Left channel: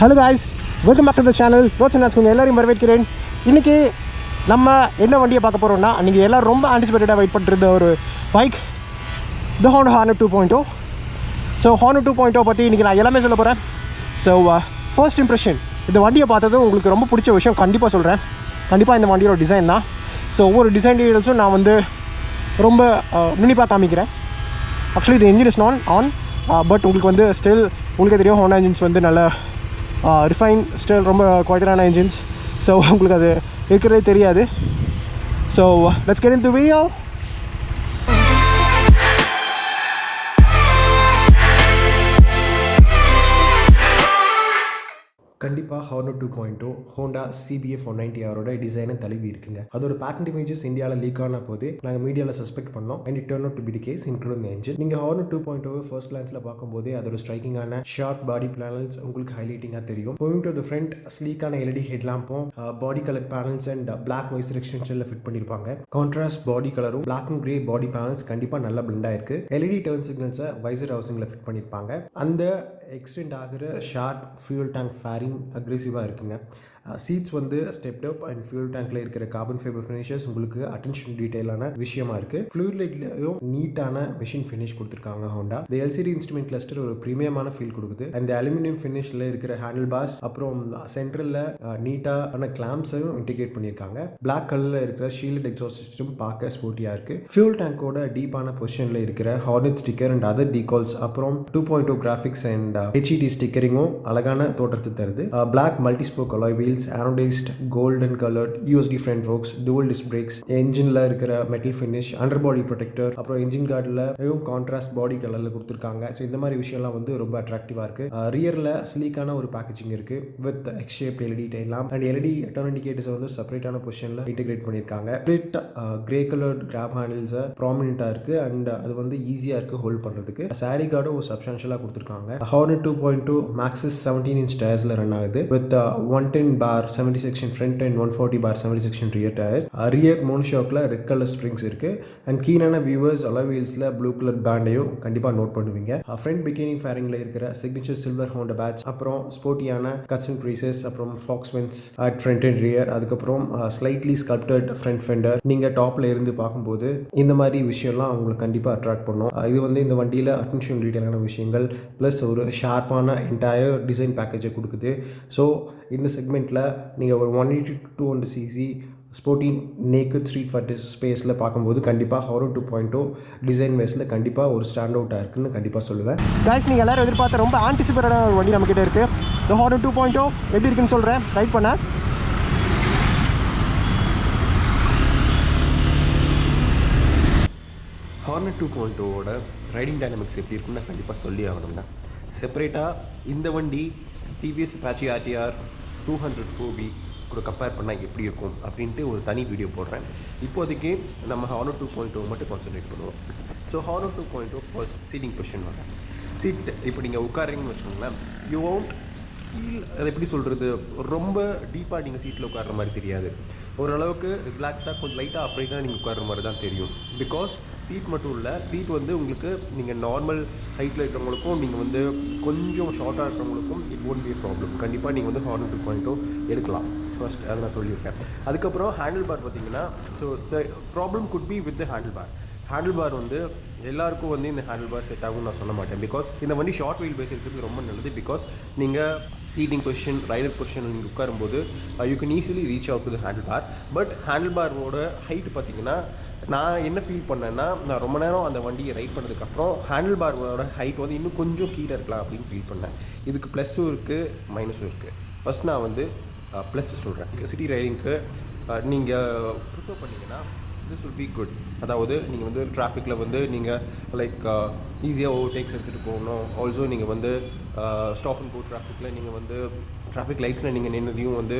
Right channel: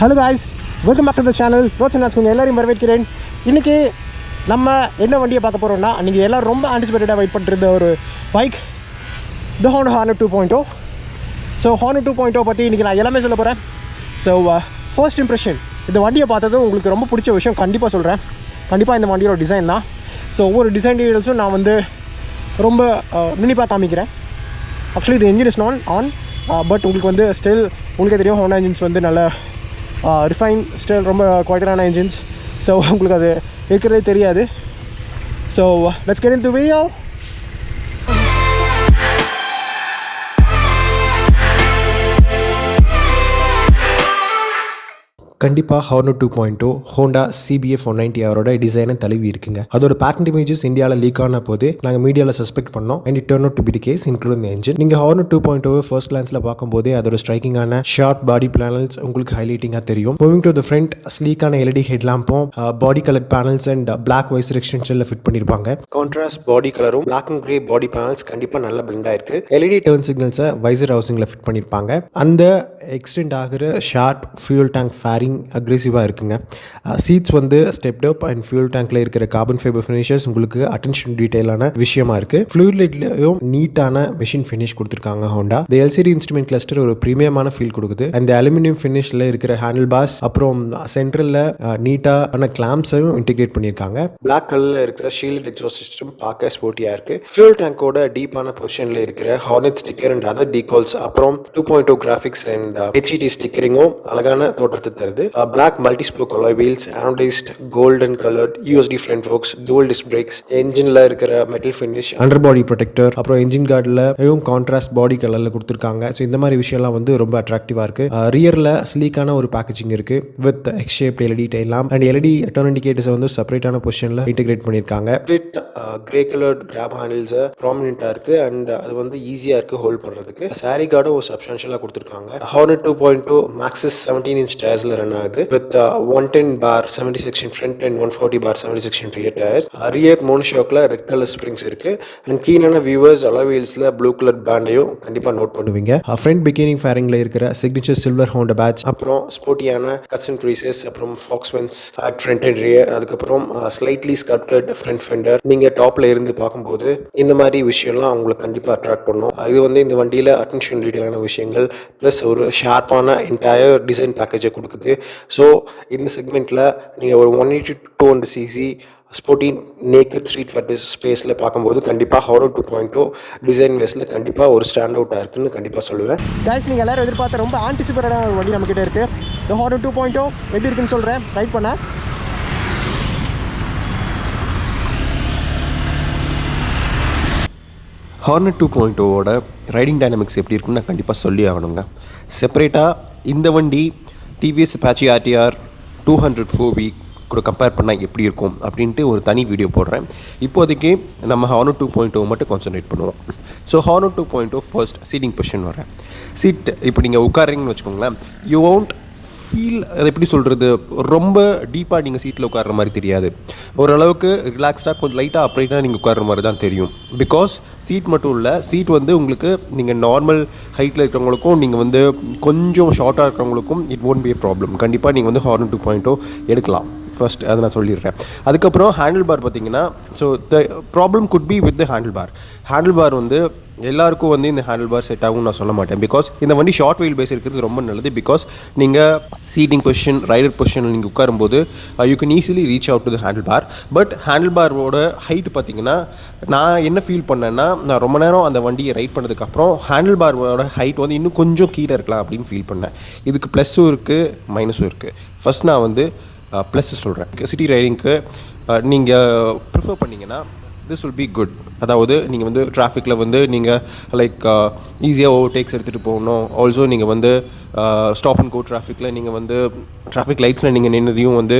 Hello guys, welcome back to the channel. Rochana's உங்கள் எல்லாரையும் வரவேற்கிறேன். இன்றைக்கி நம்ம என்ன வண்டியை பார்க்க போகிறோம்னா, நீங்கள் எல்லோரும் ரொம்ப ஆன்டிசிபேட்டடாக வெயிட் பண்ணிருந்த ஒரு பைக், த ஹோண்டா ஹார்னட் 2.0. ஸோ ஹார்னட் 2.0 பற்றி இன்றைக்கி நான் எல்லாமே சொல்ல போகிறேன். ஸோ ஃபர்ஸ்ட் இம்ப்ரெஷன், இந்த வண்டியை பார்த்ததும் உங்களுக்கு ரொம்ப பிடிச்ச விஷயம் கண்டிப்பாக சொல்கிறேன். கண்டிப்பாக இந்த வண்டியோட டிசைன் தான். ஸோ ஒவ்வொரு டிசைன் டீடைல்ஸும் நான் வந்து ரொம்ப நுண்ணிப்பாக காமிக்கிறேன். ஆக்சுவலி இது என்ஜின் இஸ் ஆன் பட் உங்களுக்கு வந்து ஸ்டில் உங்களுக்கே தெரியும், ஹோண்டா இன்ஜின்ஸ் வந்து நல்ல ரிஃபைன் ஸ்டில் ரொம்ப குவாலிட்டியான இன்ஜின்ஸ். ஸோ உங்களுக்கு அது இருக்கிறதே தெரியாது. So let's get into video. கண்டிப்பாக ஹார்னட் 2.0 ஹோண்டா CBF 190 அவரோட டிசைனை தழுவி இருக்குங்க. அதோட பேட்டன்ட் இமேஜஸ் இந்தியாவில் லீக் ஆன போது நாங்கள் மீடியாவில் சஸ்பெக்ட் பண்ணோம். And it turn out to be the case, including the engine. நீங்கள் ஹார்னட் 2.0 ஃபர்ஸ்ட் கிளான்ஸில் பார்க்கும்போதே அதோட ஸ்ட்ரைக்கிங்கான ஷார்ட் பாடி பேனல்ஸ் உங்களுக்கு ஹைலைட்டிங்காக தெரியும். மூவிங் டு தி ஃப்ரண்ட், ஸ்லீக்கான LED ஹெட் லேம்பும் body colour panels and black visor எக்ஸ்டென்ஷனில் ஃபிட் பண்ணியிருப்பாங்க. கான்ட்ராஸ்ட் பாடி கலரும் black and grey body panels கண்டிப்பாக நல்லா பிளெண்ட் ஆயிருக்கு. LED டர்ன் சிக்னல்ஸை வைசர் ஹவுசிங்கில் ஃபிட் பண்ணியிருப்பாங்க. அந்த எக்ஸ்டெண்ட் ஆகிற ஷார்ப் ஃபியூல் டேங்க் ஃபேரிங் அக்ரெசிவாக இருக்குங்க. சீட்ஸ் வந்து ஸ்டெப்ட் அப் அண்ட் ஃபியூல் டேங்க்ல இருக்கிற கார்பன் ஃபைபர் ஃபினிஷஸ் உங்களுக்கு அட்டென்ஷன் டீடைலான விஷயமா இருக்கு. ஃப்ளூயிட் லைட்லயும் நீட்டான மெஷின் ஃபினிஷ் கொடுத்துருக்காங்க ஹோண்டா. இந்த LCD இன்ஸ்ட்ருமெண்ட் கிளஸ்டர் ஒரு பிரீமியமான ஃபீல் கொடுக்குது. அந்த அலுமினியம் ஃபினிஷ்ல இருக்கிற ஹேண்டில் பார்ஸ், அப்புறம் சென்ட்ரல்ல நீட்டான கிளாம்ஸையும் இன்டிகிரேட் பண்ணியிருக்காங்க. பிளாக் கலர்ல இருக்கிற ஷீல்ட் எக்ஸாஸ்ட் சிஸ்டம் பார்க்க ஸ்போர்ட்டியா இருக்கு. ஃபியூல் டேங்கோட டீப்பான பொசிஷன்ல இருக்கிற ஹார்னட் ஸ்டிக்கர் அண்ட் அதர் டீகால்ஸ், அப்புறம் 2.0 கிராஃபிக்ஸ் அண்ட் HED ஸ்டிக்கரிங்கும் அழகான தோற்றத்தை தருது. Black multi-spoke alloy wheels, anodized golden colored USD front forks, dual disc brakes, என்ஜின்ல இருக்கிற மெட்டல் ஃபினிஷ், அண்டர் பாடி ப்ரொடெக்டர், அப்புறம் என்ஜின் கார்டில் கான்ட்ராஸ்ட் பாடி கலர்ல கொடுத்துருக்காங்க. ஸோ இந்த மாதிரி விஷயம்லாம் வந்து ரொம்ப அட்ராக்டிவா இருக்கு. ரியர்ல ஸ்லீக்கான ஒரு பேக்கேஜிங் இருக்கு with X shaped LED tail lamp and LED turn indicators வந்து செப்பரேட்டான பொசிஷன்ல இன்டிகிரேட் பண்ணியிருக்காங்க. கிரே கலர்ட் கிராப் ஹேண்டில்ஸ் ப்ராமினென்ட்டா இருக்கு அண்ட் அது வந்து ஈஸியா இருக்கு ஹோல்ட் பண்றதுக்கு. சாரி கார்டும் ஒரு சப்ஸ்டான்ஷியலா கொடுத்துருக்காங்க. ஹார்னட் 2.0 Maxxis 17-inch டயர்ஸ்ல ரன் ஆகுது with 110 bar 70 section front and 140 bar 70 section rear tires. rear monoshockல ரெட் கலர் ஸ்ப்ரிங்ஸ் இருக்கு அண்ட் கீனான வியூவர்ஸ் alloy wheelsல ப்ளூ கலர் பேண்டையும் கண்டிப்பா நோட் பண்ணுவீங்க. ஃப்ரண்ட் பிகினிங் ஃபேரிங்ல இருக்கிற சிக்னேச்சர் சில்வர் ஹோண்டா பேட்ச், அப்புறம் ஸ்போர்ட்டியான கட்ஸ் அண்ட் க்ரீசஸ், அப்புறம் faux vents at front and rear, அதுக்கப்புறம் ஸ்லைட்லி ஸ்கல்ப்டட் ஃப்ரண்ட் ஃபெண்டர். நீங்க டாப்ல இருந்து பார்க்கும்போது இந்த மாதிரி விஷயம்லாம் உங்களுக்கு கண்டிப்பா அட்ராக்ட் பண்ணும். இது வந்து இந்த வண்டியில அட்டென்ஷன் டீடைலான விஷயங்கள் பிளஸ் ஒரு ஷார்ப்பான என்டையர் டிசைன் பேக்கேஜை கொடுக்குது. ஸோ இந்த செக்மெண்ட்டில் நீங்கள் ஒரு 180 to 200 cc sporty naked street fighters ஸ்பேஸில் பார்க்கும்போது கண்டிப்பாக ஹார்னட் 2.0 டிசைன் வேஸில் கண்டிப்பாக ஒரு ஸ்டாண்ட் அவுட்டாக இருக்குன்னு கண்டிப்பாக சொல்லுவேன். காய்ஸ், நீங்கள் எல்லோரும் எதிர்பார்த்த ரொம்ப ஆன்டிசிபேட்டடான ஒரு வண்டி நம்மக்கிட்ட இருக்குது. த ஹார்னட் 2.0 எப்படி இருக்குன்னு சொல்கிறேன், ரைட் பண்ண. ஹார்னட் 2.0 ரைடிங் டைனமிக்ஸ் எப்படி இருக்குன்னு நான் கண்டிப்பாக சொல்லி ஆகணுங்க. செப்பரேட்டாக இந்த வண்டி TVS Apache RTR 200 கூட கம்பேர் பண்ணால் எப்படி இருக்கும் அப்படின்ட்டு ஒரு தனி வீடியோ போடுறேன். இப்போதைக்கு நம்ம ஹார்னட் 2.0 மட்டும் கான்சன்ட்ரேட் பண்ணுவோம். So Hornet 2.0 first seating position வரேன். சீட் இப்போ நீங்கள் உட்காருங்கன்னு வச்சுக்கோங்களேன், யூ ஒன்ட் ஃபீல், அது எப்படி சொல்கிறது, ரொம்ப டீப்பாக நீங்கள் சீட்டில் உட்கார்ற மாதிரி தெரியாது. ஓரளவுக்கு ரிலாக்ஸ்டாக கொஞ்சம் லைட்டாக அப்ரைட்டாக நீங்கள் உட்கார்ற மாதிரி தான் தெரியும். பிகாஸ் சீட் மட்டும் இல்லை, சீட் வந்து உங்களுக்கு நீங்கள் நார்மல் ஹைட்டில் இருக்கிறவங்களுக்கும் நீங்கள் வந்து கொஞ்சம் ஷார்ட்டாக இருக்கிறவங்களுக்கும் it won't be a problem. கண்டிப்பாக நீங்கள் வந்து ஹார்னட் 2.0 எடுக்கலாம். ஃபர்ஸ்ட் அதை நான் சொல்லிடுறேன். அதுக்கப்புறம் ஹேண்டில் பார் பார்த்தீங்கன்னா, so the problem could be with the handle bar. Handle bar வந்து எல்லாருக்கும் வந்து இந்த ஹேண்டில் பார் செட் ஆகும்னு நான் சொல்ல மாட்டேன். பிகாஸ் இந்த வண்டி ஷார்ட் வீல் பேஸ் இருக்கிறது ரொம்ப நல்லது. பிகாஸ் நீங்கள் சீட்டிங் பொசிஷன், ரைடர் பொசிஷனில் நீங்கள் உட்காரும்போது you can easily reach out to the handle bar. But handle பாரோட ஹைட் பார்த்தீங்கன்னா, நான் என்ன ஃபீல் பண்ணேன்னா, நான் ரொம்ப நேரம் அந்த வண்டியை ரைட் பண்ணதுக்கப்புறம் ஹேண்டில் பாரோட ஹைட் வந்து இன்னும் கொஞ்சம் கீழே இருக்கலாம் அப்படின்னு ஃபீல் பண்ணேன். இதுக்கு ப்ளஸ்ஸும் இருக்குது மைனஸும் இருக்குது. ஃபஸ்ட் நான் வந்து ப்ளஸ் சொல்கிறேன். சிட்டி ரைடிங்க்கு நீங்கள் ப்ரிஃபர் பண்ணிங்கன்னா திஸ் வில் பி குட். அதாவது நீங்கள் வந்து டிராஃபிக்கில் வந்து நீங்கள் லைக் ஈஸியாக ஓவர்டேக்ஸ் எடுத்துகிட்டு போகணும். ஆல்சோ நீங்கள் வந்து ஸ்டாப் அண்ட் கோ டிராஃபிக்கில் நீங்கள் வந்து டிராஃபிக் லைட்ஸில் நீங்கள் நின்னதையும் வந்து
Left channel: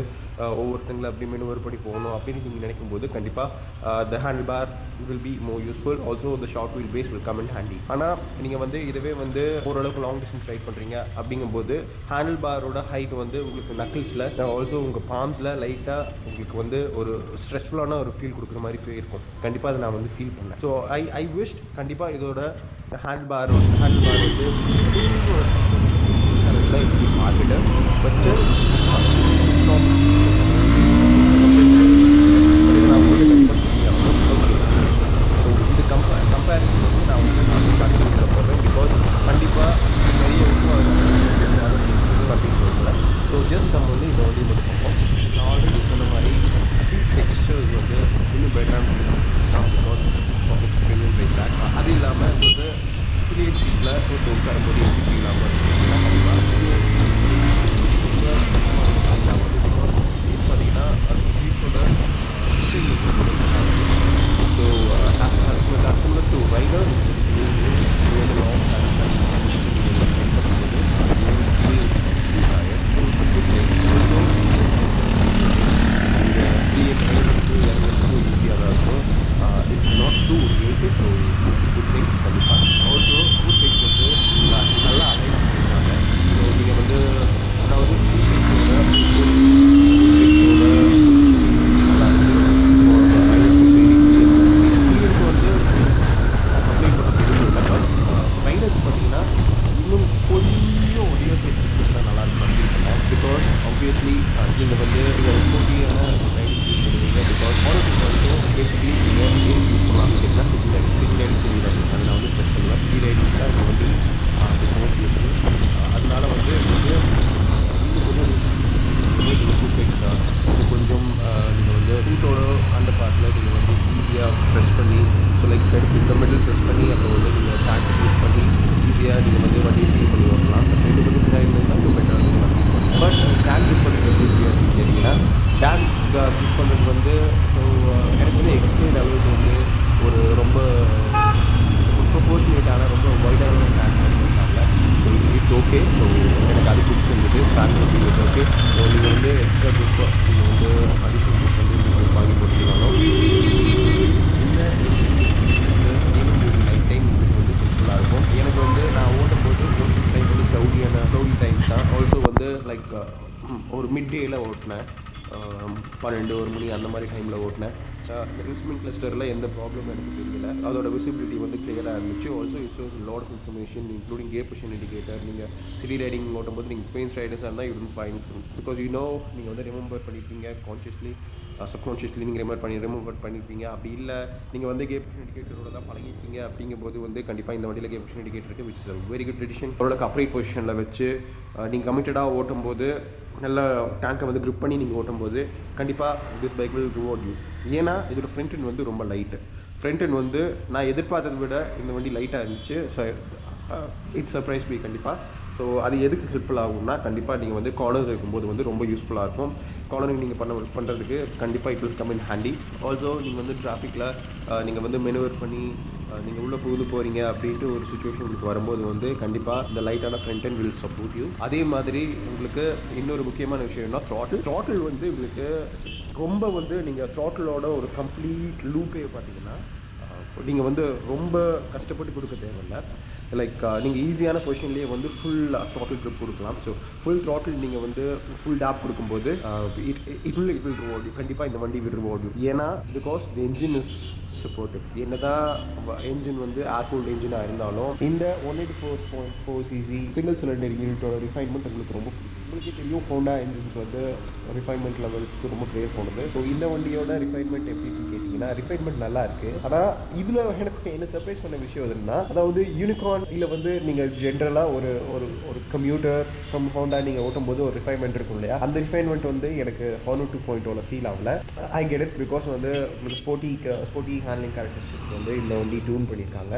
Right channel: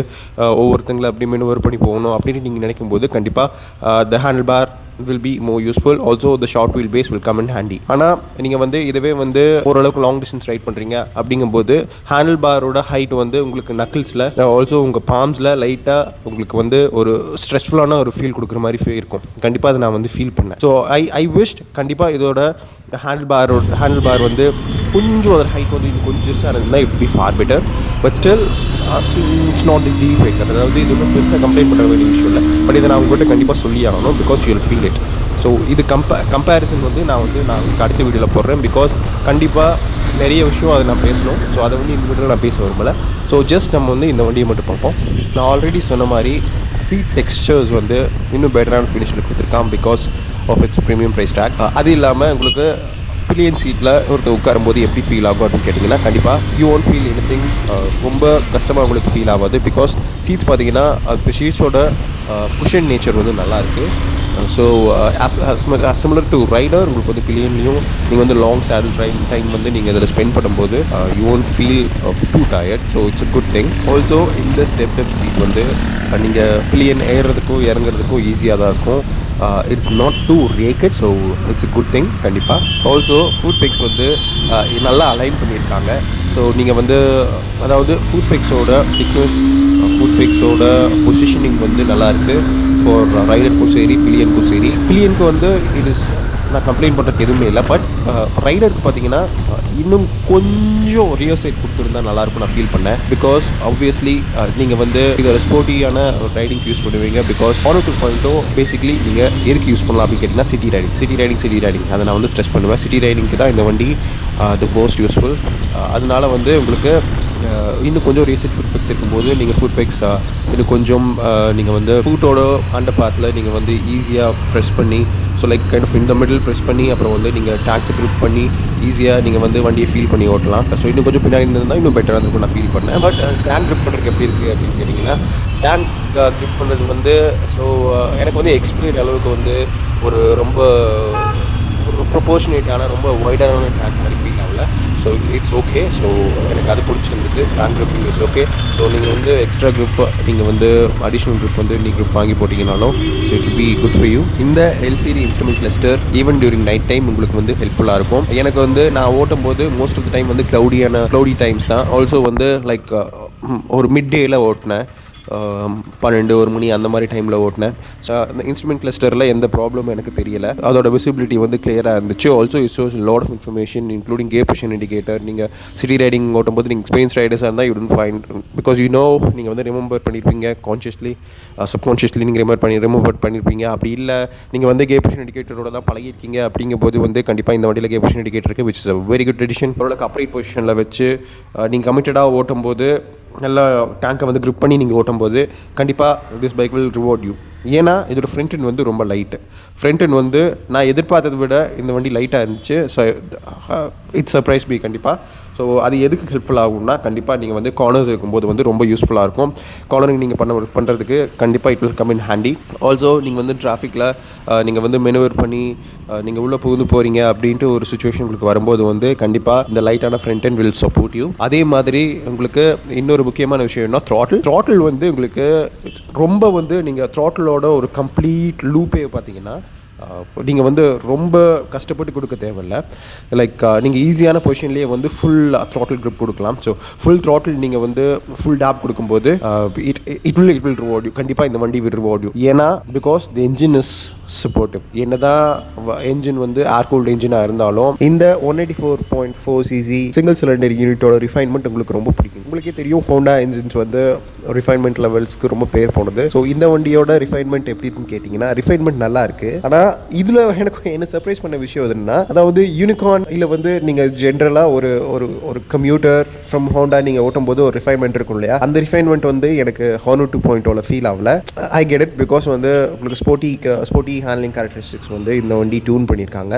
ஒவ்வொருத்தங்களை அப்படி மெனுவர் பண்ணி போகணும் அப்படின்னு நீங்கள் நினைக்கும்போது கண்டிப்பாக the handle bar will be more useful. Also the short wheel base will come in handy. ஆனால் நீங்கள் வந்து இதுவே வந்து ஓரளவுக்கு லாங் டிஸ்டன்ஸ் ரைட் பண்ணுறீங்க அப்படிங்கும்போது ஹேண்டில் பாரோட ஹைட் வந்து உங்களுக்கு நக்கிள்ஸில், ஆல்சோ உங்கள் பாம்ஸில் லைட்டாக உங்களுக்கு வந்து ஒரு ஸ்ட்ரெஸ்ஃபுல்லான ஒரு ஃபீல் கொடுக்குற மாதிரி இருக்கும். கண்டிப்பாக அதை நான் வந்து ஃபீல் பண்ணேன். ஸோ ஐ விஷ் கண்டிப்பாக இதோட ஹேண்டில் பார் வந்து கொஞ்சம் ஒரு ஹைட் வந்து கொஞ்சம் இருந்தால் it be for better. But still it's not the deal breaker. அதாவது இது வந்து பெருசாக கம்ப்ளைண்ட் பண்ண வேண்டிய விஷயம் இல்லை. பட் இதை நான் உங்கள்கிட்ட கண்டிப்பாக சொல்லி ஆகணும், because you will feel it. So இது கம்பேரிசன் வந்து நான் அடுத்த வீடியோவில் போடுறேன், பிகாஸ் கண்டிப்பாக நிறைய விஷயம் அதை நான் பேசணும். ஸோ அதை வந்து இந்த வீடியோவில் நான் பேச விரும்பலை. ஸோ ஜஸ்ட் நம்ம வந்து இந்த வண்டியை மட்டும் பார்ப்போம். நான் ஆல்ரெடி சொன்ன மாதிரி சீட் டெக்ஸ்சர்ஸ் வந்து இன்னும் பெட்டரான ஃபினிஷில் கொடுத்துருக்கான், because of its premium price tag. அது இல்லாமல் உங்களுக்கு பில்லியன் சீட்டில் ஒருத்தர் உட்காரும்போது எப்படி ஃபீல் ஆகும் அப்படின்னு கேட்டிங்கன்னா, கண்டிப்பாக யூ ஒன்ட் ஃபீல் எனிதிங் ரொம்ப கஷ்டமாக உங்களுக்கு ஃபீல் ஆகாது. பிகாஸ் சீட்ஸ் பார்த்தீங்கன்னா அது சீட்ஸோட குஷன் நேச்சர் வந்து நல்லாயிருக்கு. ஸோ சிமிலர் டு ரைடர் உங்களுக்கு வந்து பில்லியன்லையும் நீங்கள் வந்து லாங் சேரல் டைம் வந்து நீங்கள் இதில் ஸ்பெண்ட் பண்ணும்போது you won't feel too tired. So it's a good thing. Also இந்த ஸ்டெப் சீட் வந்து நீங்கள் பில்லியன் ஏறுறதுக்கும் இறங்குறதுக்கும் ஈஸியாக தான் இருக்கும். It's not too raked. So it's a good thing கண்டிப்பாக. ஆல்சோ ஃபுட் பிக்ஸ் வந்து நல்லா அலைன் பண்ணியிருக்காங்க. ஸோ நீங்கள் வந்து அதாவது ஃபுட் பிக்ஸோட திக்னஸ், ஃபுட் பிக்ஸோட பொசிஷனிங் வந்து நல்லாயிருக்கு ஃபார் ரைடருக்கும் சரி பில்லியனுக்கும் சரி. பில்லியனுக்கு வந்து இது நான் கம்ப்ளைண்ட் பண்ணுறது எதுவுமே இல்லை. பட் ரைடருக்கு பார்த்தீங்கன்னா இன்னும் கொஞ்சம் ரியர் சைட் கொடுத்துருந்தா நல்லாயிருக்கும் நான் ஃபீல் பண்ணேன். பிகாஸ் ஆப்வியஸ்லி நீங்கள் வந்து இதை ஸ்போர்ட்டியான ரைடிங் யூஸ் பண்ணுவீங்க. பிகாஸ் ஹானர் 2.0 பேசிக்லி நீங்கள் எதுக்கு யூஸ் பண்ணலாம் அப்படின்னு கேட்டிங்கன்னா சிட்டி ரைடிங் அதை நான் வந்து ஸ்ட்ரெஸ் பண்ணுவேன். சிட்டி ரைடிங்க்கு தான் இந்த வண்டி தி மோஸ்ட் யூஸ்ஃபுல். அதனால வந்து உங்களுக்கு இன்னும் கொஞ்சம் ரீசெண்ட் ஃபுட் பிக்ஸ் இருக்கும்போது நீங்கள் ஃபுட் பிக்ஸ் இது கொஞ்சம் நீங்கள் வந்து ஃபுட்டோட அண்டர் பார்ட்டில் நீங்கள் வந்து ஈஸியாக ப்ரெஸ் பண்ணி, ஸோ லைக் கைண்ட் ஆஃப் இந்த மிடில் ப்ரெஸ் பண்ணி அப்புறம் வந்து நீங்கள் டேக்ஸை க்ரிப் பண்ணி ஈஸியாக நீங்கள் வந்து வண்டியை ஃபீல் பண்ணி ஓட்டலாம். ஸோ இன்னும் கொஞ்சம் பின்னாடி இருந்தால் இன்னும் பெட்டராக இருக்கும் நான் ஃபீல் பண்ணேன். பட் டேங்க் க்ரிப் பண்ணுறதுக்கு எப்படி இருக்குது அப்படின்னு கேட்டிங்கன்னா, டேங்க் க்ரிப் பண்ணுறது வந்து ஸோ எனக்கு வந்து எக்ஸ்பீரியன் அளவுக்கு வந்து ஒரு ரொம்ப ப்ரொபோர்ஷனேட்டான ரொம்ப வைடான டேங்க் மாதிரி ஃபீல் ஆகல. So it's okay. ஸோ எனக்கு அது பிடிச்சிருந்துது. Tank gripping it's okay. So நீங்கள் வந்து எக்ஸ்ட்ரா க்ரிப் நீங்கள் வந்து அடிஷ்னல் க்ரிப் வந்து நீங்கள் வாங்கி போட்டிங்கனாலும் so it be good for you. இந்த LCD instrument cluster even during night time உங்களுக்கு வந்து ஹெல்ப்ஃபுல்லாக இருக்கும். எனக்கு வந்து நான் ஓட்டும் போது மோஸ்ட் ஆஃப் த டைம் வந்து க்ளவுடி டைம்ஸ் தான். ஆல்சோ வந்து லைக் ஒரு மிட் டேயில் ஓட்டினேன், 12 மணி அந்த மாதிரி டைமில் ஓட்டினேன். இந்த இன்ஸ்ட்ருமெண்ட் கிளஸ்டரில் எந்த ப்ராப்ளமும் எனக்கு தெரியலை. அதோட விசிபிலிட்டி வந்து கிளியராக இருந்துச்சு. Also it shows lot of information including gear position indicator. நீங்கள் சிட்டி ரைடிங் ஓட்டும்போது நீங்கள் எக்ஸ்பீரியன்ஸ் ரைடர்ஸாக இருந்தால் யூ டோன்ட் ஃபைண்ட், பிகாஸ் நீங்கள் வந்து ரிமெம்பர் பண்ணியிருப்பீங்க கான்ஷியஸ்லி சப்கான்ஷியஸ்லி நீங்கள் ரிமெம்பர் பண்ணியிருப்பீங்க. அப்படி இல்லை நீங்கள் வந்து கியர் பொசிஷன் இண்டிகேட்டரோட தான் பழகிருக்கீங்க. அப்படிங்கும்போது வந்து கண்டிப்பாக இந்த வண்டியில் கியர் பொசிஷன் இண்டிகேட்டர் இருக்குது, which is a very good edition. ஓரளவுக்கு அப்ரைட் பொசிஷனில் வச்சு நீங்கள் கமிட்டடாக ஓட்டும்போது நல்லா டேங்கை வந்து க்ரிப் பண்ணி நீங்கள் ஓட்டும்போது கண்டிப்பாக this bike will reward you. ஏன்னா இதோட ஃப்ரண்ட் எண்ட் வந்து ரொம்ப லைட்டு. ஃப்ரண்ட் எண்ட் வந்து நான் எதிர்பார்த்ததை விட இந்த வண்டி லைட்டாக இருந்துச்சு. ஸோ இட்ஸ் சர்ப்ரைஸ் பி கண்டிப்பாக. ஸோ அது எதுக்கு ஹெல்ப்ஃபுல் ஆகும்னா, கண்டிப்பாக நீங்கள் வந்து கார்னர்ஸ் இருக்கும்போது வந்து ரொம்ப யூஸ்ஃபுல்லாக இருக்கும். கார்னரிங் நீங்கள் பண்ணுறதுக்கு கண்டிப்பாக it will come in handy. Also நீங்கள் வந்து டிராஃபிக்கில் நீங்கள் வந்து மெனுவர் பண்ணி நீங்கள் உள்ளே புகுந்து போகிறீங்க அப்படின்ட்டு ஒரு சுச்சுவேஷன் உங்களுக்கு வரும்போது வந்து கண்டிப்பாக இந்த லைட்டான front end will support you. அதே மாதிரி உங்களுக்கு இன்னொரு முக்கியமான விஷயம்னா த்ராட்டில் வந்து உங்களுக்கு ரொம்ப வந்து நீங்கள் த்ராட்டிலோட ஒரு கம்ப்ளீட் லூப்பே பார்த்தீங்கன்னா நீங்கள் வந்து ரொம்ப கஷ்டப்பட்டு கொடுக்க தேவையில்லை. லைக் நீங்கள் ஈஸியான பொசிஷன்லேயே வந்து ஃபுல் த்ராட்டில் க்ரிப் கொடுக்கலாம். ஸோ ஃபுல் த்ராட்டில் நீங்கள் வந்து ஃபுல் டேப் கொடுக்கும்போது இட் வில் ரிவார்ட் யூ. கண்டிப்பாக இந்த வண்டி வில் ரிவார்ட் யூ. ஏன்னா because the engine is supportive. என்னதான் என்ஜின் வந்து ஏர் கூல்டு என்ஜினாக இருந்தாலும் இந்த 184.4 cc சிங்கிள் சிலிண்டர் யூனிட்டோட ரிஃபைன்மெண்ட் உங்களுக்கு ரொம்ப பிடிக்கும். உங்களுக்கே தெரியும் ஹோண்டா என்ஜின்ஸ் வந்து ரிஃபைன்மெண்ட் லெவல்ஸ்க்கு ரொம்ப பேர் போனது. ஸோ இந்த வண்டியோட ரிஃபைன்மெண்ட் எப்படின்னு கேட்டிங்கன்னா, ரிஃபைன்மெண்ட் நல்லா இருக்குது. ஆனால் இதில் எனக்கு என்ன சர்ப்ரைஸ் பண்ண விஷயம் எதுன்னா, அதாவது யூனிகார்ன் இல்லை வந்து நீங்கள் ஜென்ரலாக ஒரு கம்யூட்டர் ஃப்ரம் ஹோண்டா நீங்கள் ஓட்டும் போது ஒரு ரிஃபைன்மெண்ட் இருக்கும் இல்லையா, அந்த ரிஃபைன்மெண்ட் வந்து எனக்கு ஹானர் 2.0 ஃபீல் ஆகல. ஐ கெட் இட், பிகாஸ் வந்து உங்களுக்கு ஸ்போர்ட்டி ஹேண்ட்லிங் கேரக்டரிஸ்டிக்ஸ் வந்து இந்த வண்டி டியூன் பண்ணியிருக்காங்க.